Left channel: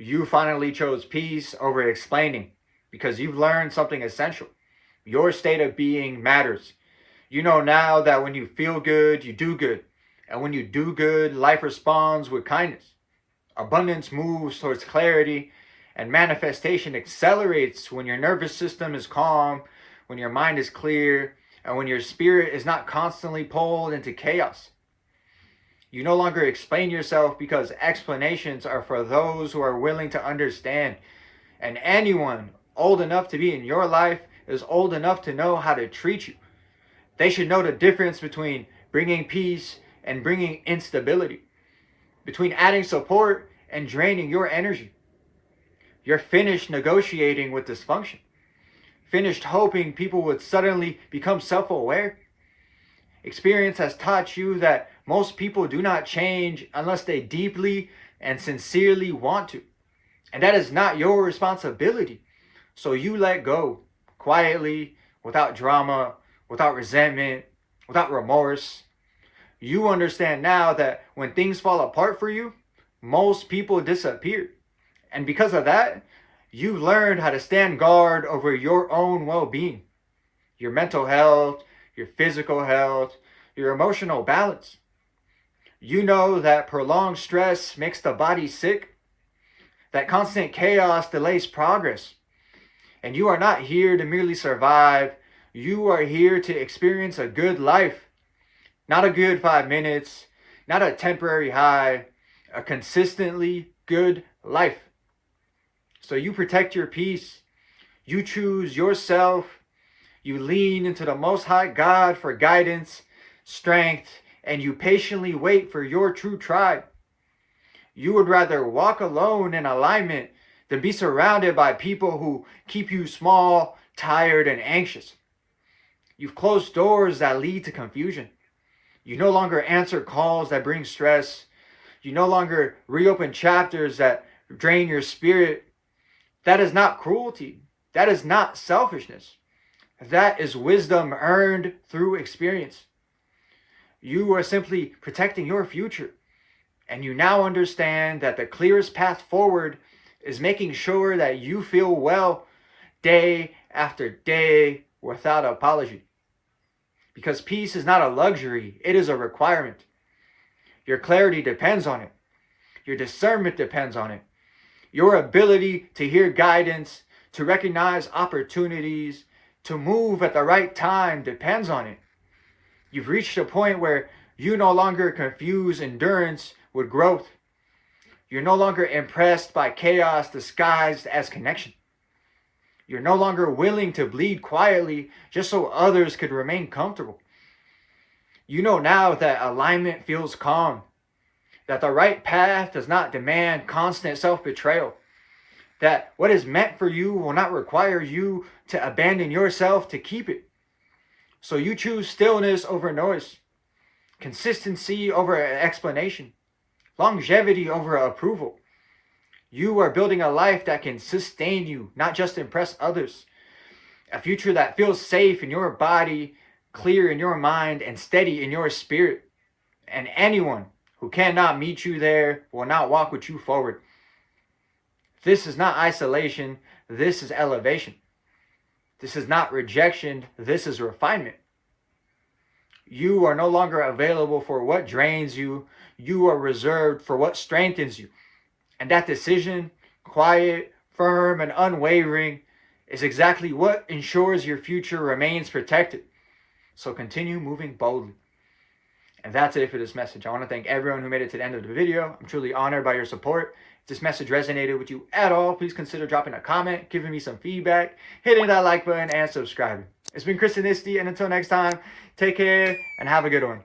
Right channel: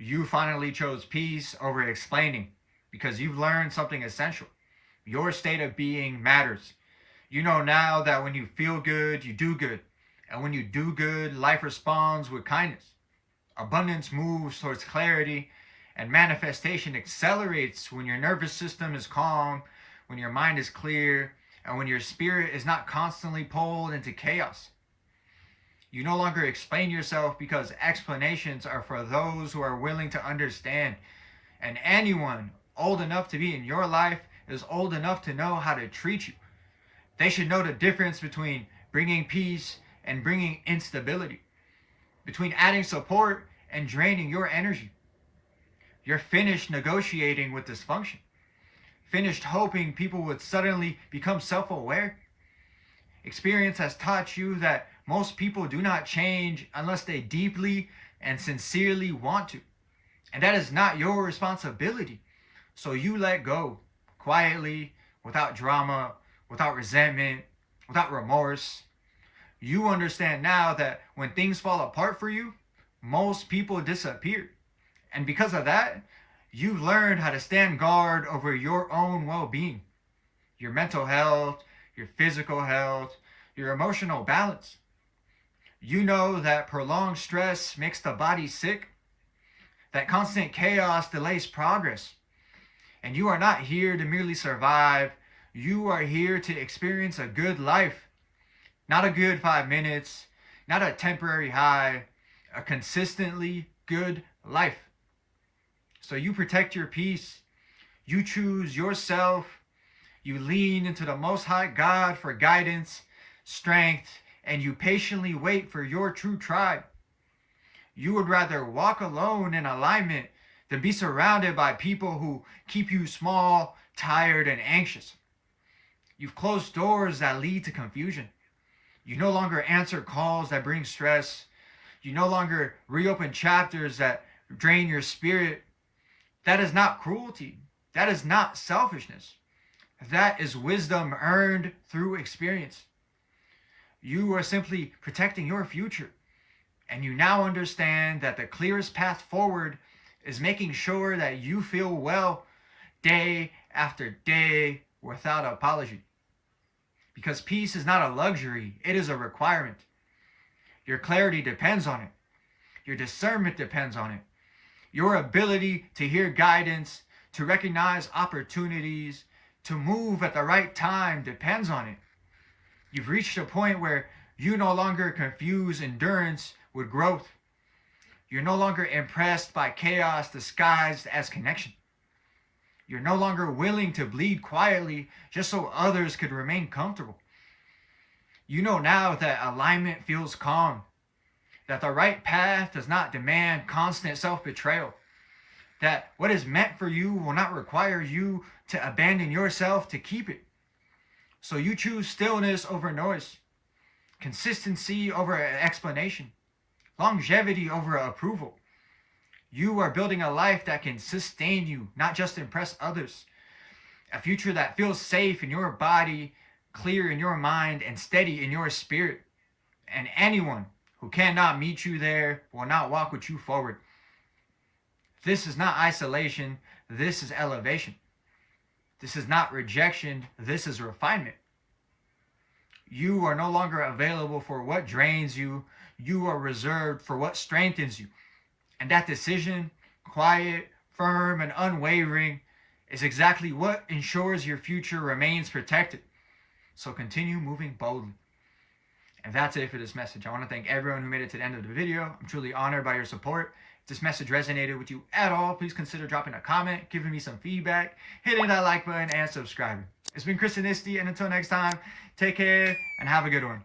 You finally chose peace over explaining because you've learned something essential. Your state of being matters. You know now that when you feel good, you do good. And when you do good, life responds with kindness. Abundance moves towards clarity, and manifestation accelerates when your nervous system is calm, when your mind is clear, and when your spirit is not constantly pulled into chaos. You no longer explain yourself because explanations are for those who are willing to understand. And anyone old enough to be in your life is old enough to know how to treat you. They should know the difference between bringing peace and bringing instability, between adding support and draining your energy. You're finished negotiating with dysfunction, finished hoping people would suddenly become self aware. Experience has taught you that most people do not change unless they deeply and sincerely want to. And that is not your responsibility. So you let go quietly, without drama, without resentment, without remorse. You understand now that when things fall apart for you, most people disappear. And because of that, you've learned how to stand guard over your own well being, your mental health, your physical health, your emotional balance. You know that prolonged stress makes the body sick, that constant chaos delays progress. And you are not here to merely survive, you are here to experience a good life. Not a good 5 minutes, not a temporary high, a consistently good life. So you protect your peace, you choose yourself, you lean into the Most High God for guidance, strength, and you patiently wait for your true tribe. You would rather walk alone in alignment than be surrounded by people who keep you small, tired, and anxious. You've closed doors that lead to confusion. You no longer answer calls that bring stress. You no longer reopen chapters that drain your spirit. That is not cruelty. That is not selfishness. That is wisdom earned through experience. You are simply protecting your future. And you now understand that the clearest path forward is making sure that you feel well day after day without apology. Because peace is not a luxury, it is a requirement. Your clarity depends on it. Your discernment depends on it. Your ability to hear guidance, to recognize opportunities, to move at the right time depends on it. You've reached a point where you no longer confuse endurance with growth. You're no longer impressed by chaos disguised as connection. You're no longer willing to bleed quietly just so others could remain comfortable. You know now that alignment feels calm, that the right path does not demand constant self-betrayal, that what is meant for you will not require you to abandon yourself to keep it. So you choose stillness over noise, consistency over explanation, longevity over approval. You are building a life that can sustain you, not just impress others. A future that feels safe in your body, clear in your mind, and steady in your spirit. And anyone who cannot meet you there will not walk with you forward. This is not isolation, this is elevation. This is not rejection, this is refinement. You are no longer available for what drains you, you are reserved for what strengthens you. And that decision, quiet, firm, and unwavering, is exactly what ensures your future remains protected. So continue moving boldly. And that's it for this message. I want to thank everyone who made it to the end of the video. I'm truly honored by your support. If this message resonated with you at all, please consider dropping a comment, giving me some feedback, hitting that like button, and subscribing. It's been Chris Inisti, and until next time, take care and have a good one.